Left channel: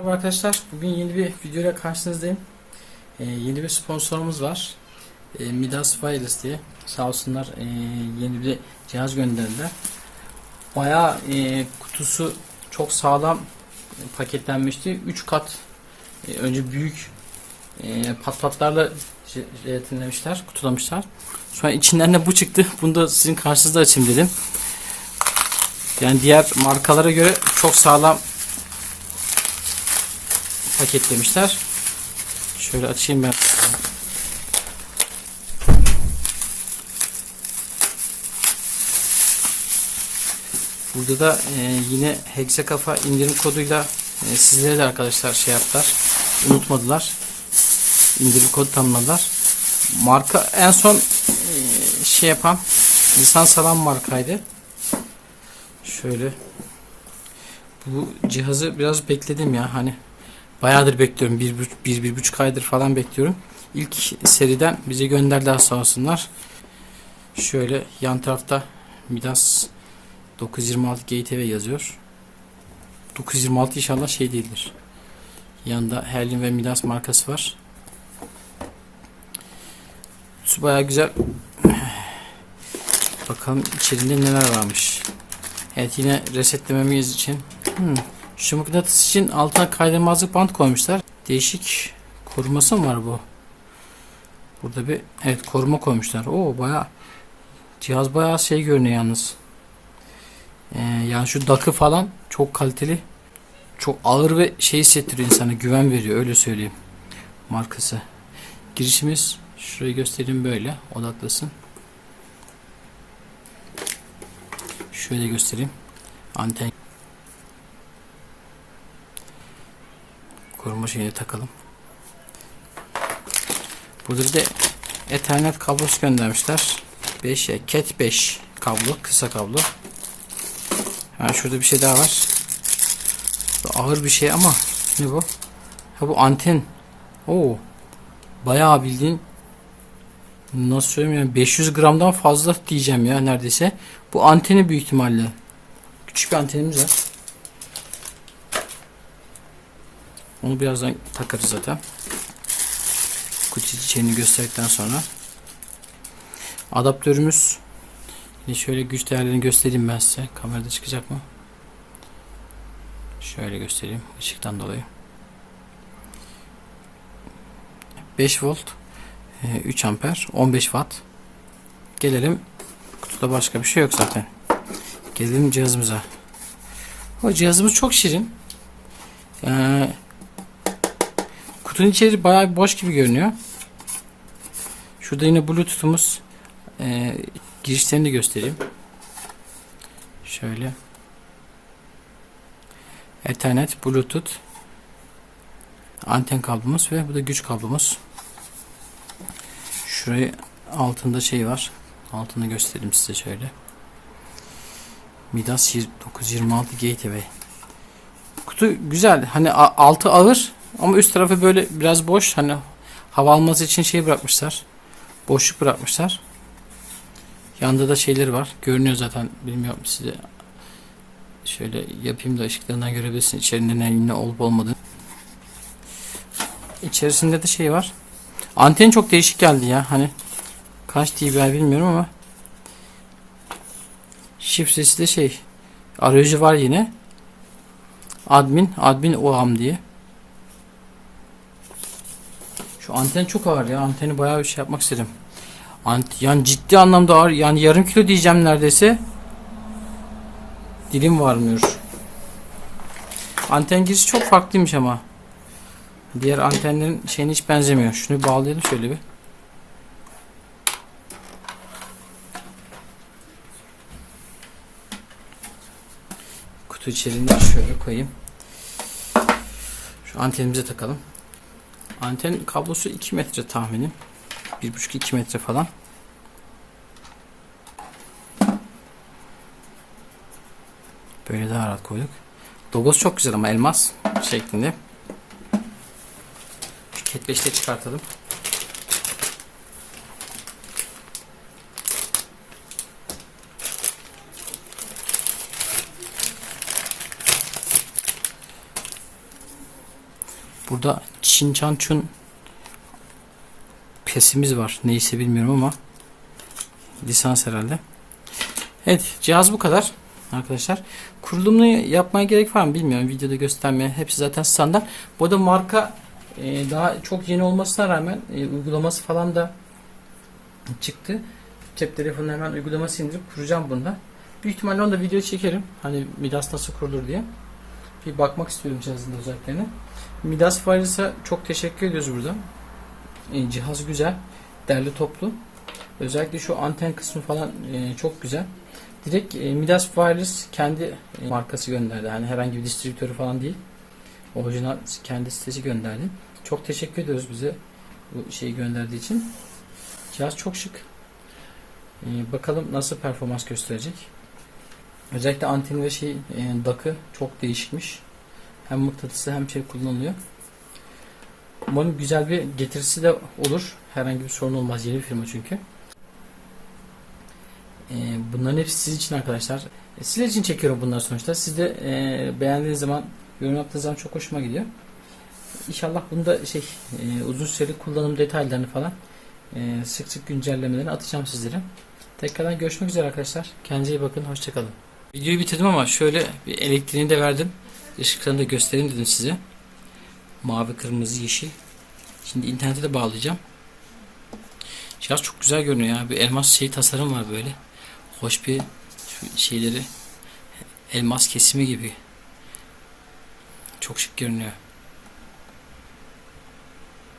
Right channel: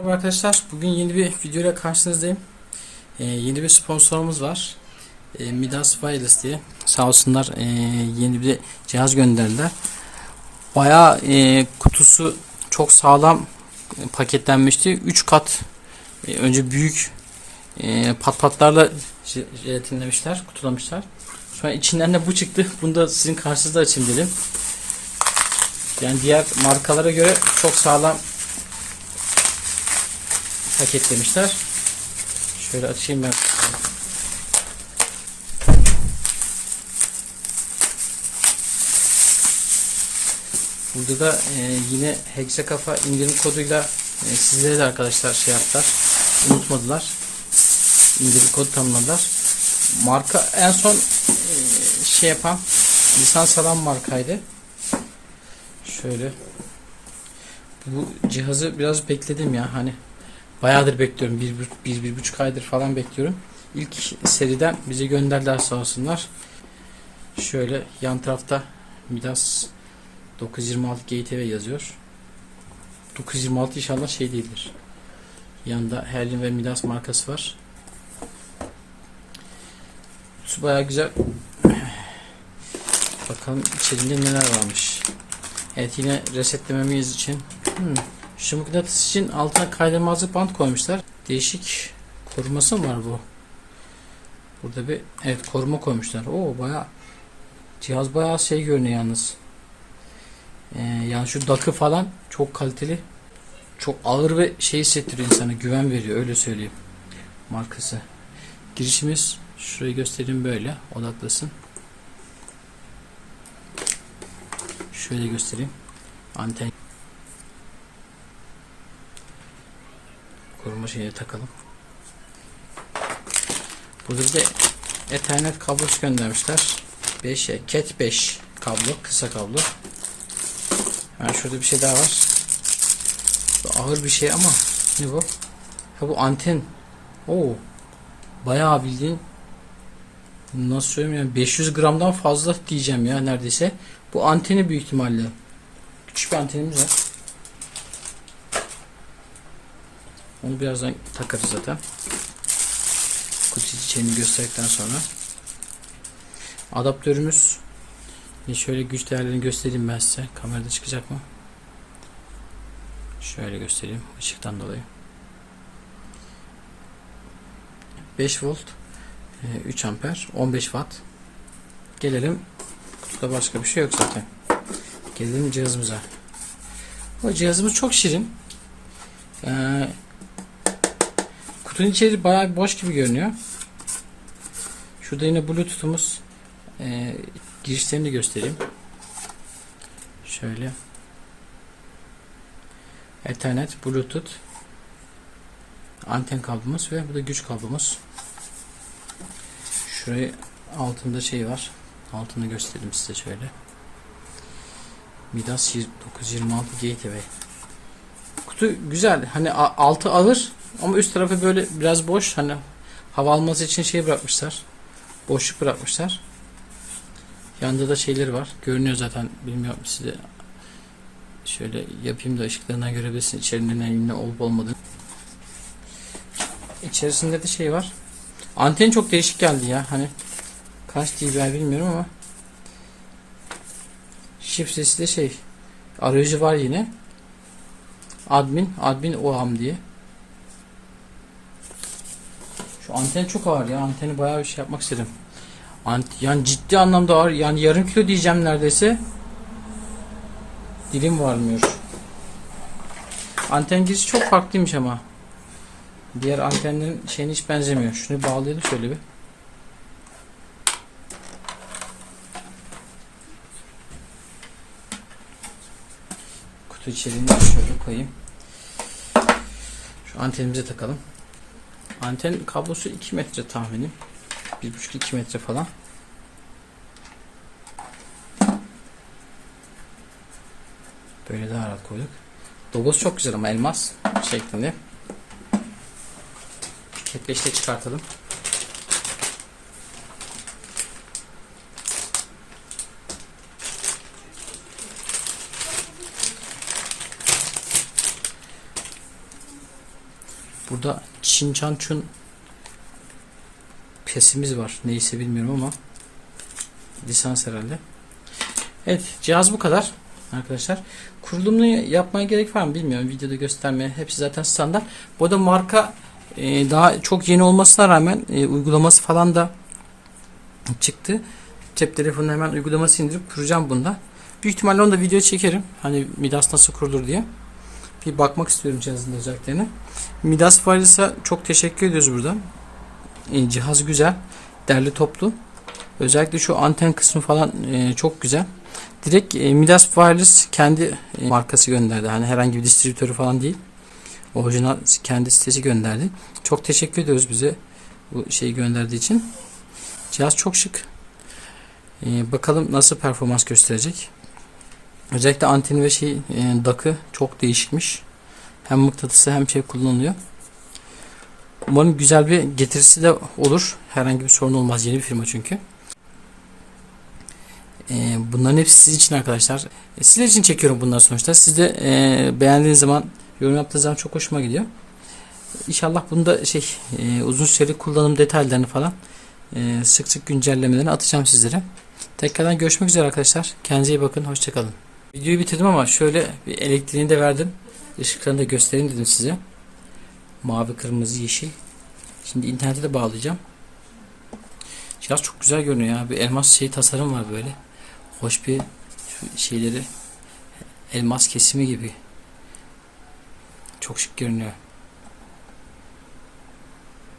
Merhaba arkadaşlar. Bugün yeni bir videoyla karşınızdayım. Ee, yeni bir sponsorumuz var. Ee, Midas Wireless diye. Sağ olsunlar ee, yeni bir cihaz gönderdiler. Bayağı ee, kutusu çok sağlam paketlenmişti. 3 kat ee, önce büyük ee, pat patlarla jelatinlemişler, kutulamışlar. An içinden de bu çıktı. Bunu da sizin karşınızda açayım dedim. Yani diğer markalara göre çok sağlam paketlemişler. Şöyle açayım ben. Burada da e, yine Hexa Kafa indirim koduyla e, sizlere de arkadaşlar şey yaptılar. Unutmadılar. İndirim kodu tanımadılar. Marka en son e, şey yapan lisans alan markaydı. Şöyle bu cihazı biraz bekledim ya hani bayağıdır bekliyorum. Bir, bir, bir, buçuk aydır falan bekliyorum. İlk seriden bize gönderdiler sağ olsunlar. Şöyle yan tarafta Midas 926 GTV yazıyor. 926 inşallah şey değildir. Yanında Herlin ve Midas markası var. Su bayağı güzel. Bakalım içeriğinde neler varmış. Evet yine resetlememiz için. Hmm. Şu mıknatıs için altına kaydırmazlık bant koymuşlar. Değişik koruması mı var bu? Burada bir evet koruma koymuşlar. Oo baya cihaz baya şey görünüyor yalnız. Ee, yani şu dakı falan çok kaliteli. Çok ağır ve şey hissettiriyor insana güven veriyor öyle söyleyeyim. Markası. Girişimiz şurayı göstereyim böyle odaklasın. Şöyle göstereyim. Anten koruma şeyini takalım. Burada bir de Ethernet kablosu göndermişler. 5 Cat 5 kablo, kısa kablo. Yani şurada bir şey daha var. Ağır bir şey ama ne bu? Ha bu anten. Oo. Bayağı bildiğin nasıl söyleyeyim yani 500 gramdan fazla diyeceğim ya neredeyse. Bu anteni büyük ihtimalle. Küçük bir antenimiz var. Onu birazdan takarız zaten. Kutu içini gösterdikten sonra. Adaptörümüz Şimdi şöyle güç değerlerini göstereyim ben size. Kamerada çıkacak mı? Şöyle göstereyim ışıktan dolayı. 5 volt 3 amper 15 watt gelelim kutuda başka bir şey yok zaten gelelim cihazımıza o cihazımız çok şirin ee, kutunun içeri bayağı boş gibi görünüyor şurada yine bluetooth'umuz ee, girişlerini de göstereyim şöyle ethernet bluetooth anten kablomuz ve bu da güç kablomuz Şurayı altında şey var. Altını göstereyim size şöyle. Midas 926 Gateway. Kutu güzel. Hani altı ağır ama üst tarafı böyle biraz boş. Hani hava alması için şey bırakmışlar. Boşluk bırakmışlar. Yanında da şeyleri var. Görünüyor zaten. Bilmiyorum size. Şöyle yapayım da ışıklarından görebilirsin. İçerinde ne olup olmadığını. İçerisinde de şey var. Anten çok değişik geldi ya. Hani kaç dBi bilmiyorum ama şifresi de şey arayüzü var yine. Admin, admin OAM diye. Şu anten çok ağır ya. Anteni bayağı bir şey yapmak istedim. Ant yani ciddi anlamda ağır. Yani yarım kilo diyeceğim neredeyse. Dilim varmıyor. Anten girişi çok farklıymış ama. Diğer antenlerin şeyine hiç benzemiyor. Şunu bağlayalım şöyle bir. Kutu içerisinde şöyle koyayım. Şu antenimize takalım. Anten kablosu 2 metre tahminim. 1,5-2 metre falan. Böyle daha rahat koyduk. Logosu çok güzel ama elmas şeklinde. Ketleşte çıkartalım. Burada Çin Chan Chun pesimiz var. Neyse bilmiyorum ama lisans herhalde. Evet cihaz bu kadar arkadaşlar. Kurulumunu yapmaya gerek var mı bilmiyorum. Videoda göstermeye. Hepsi zaten standart. Bu arada marka e, daha çok yeni olmasına rağmen e, uygulaması falan da çıktı. Cep telefonuna hemen uygulaması indirip kuracağım bunda. Büyük ihtimalle onu da video çekerim. Hani Midas nasıl kurulur diye. Bir bakmak istiyorum cihazın özelliklerine. Midas Wireless'a çok teşekkür ediyoruz burada. E, cihaz güzel. Derli toplu. Özellikle şu anten kısmı falan e, çok güzel. Direkt e, Midas Wireless kendi e, markası gönderdi. Hani herhangi bir distribütörü falan değil. Orijinal kendi sitesi gönderdi. Çok teşekkür ediyoruz bize bu şeyi gönderdiği için. Cihaz çok şık. E, bakalım nasıl performans gösterecek. Özellikle anteni ve şey e, DAC'ı çok değişikmiş. Hem mıknatısı hem şey kullanılıyor. Umarım güzel bir getirisi de olur. Herhangi bir sorun olmaz. Yeni bir firma çünkü. E, bunların hepsi siz için arkadaşlar. E, sizler için çekiyorum bunlar sonuçta. Siz de e, beğendiğiniz zaman yorum yaptığınız zaman çok hoşuma gidiyor. İnşallah bunda şey e, uzun süreli kullanım detaylarını falan sık sık güncellemelerini atacağım sizlere. Tekrardan görüşmek üzere arkadaşlar. Kendinize iyi bakın. Hoşçakalın. Videoyu bitirdim ama şöyle bir elektriğini de verdim. Işıklarını da göstereyim dedim size. Mavi, kırmızı, yeşil. Şimdi internete de bağlayacağım. Cihaz çok güzel görünüyor ya. Bir elmas şey tasarım var böyle. Hoş bir şeyleri elmas kesimi gibi. Çok şık görünüyor.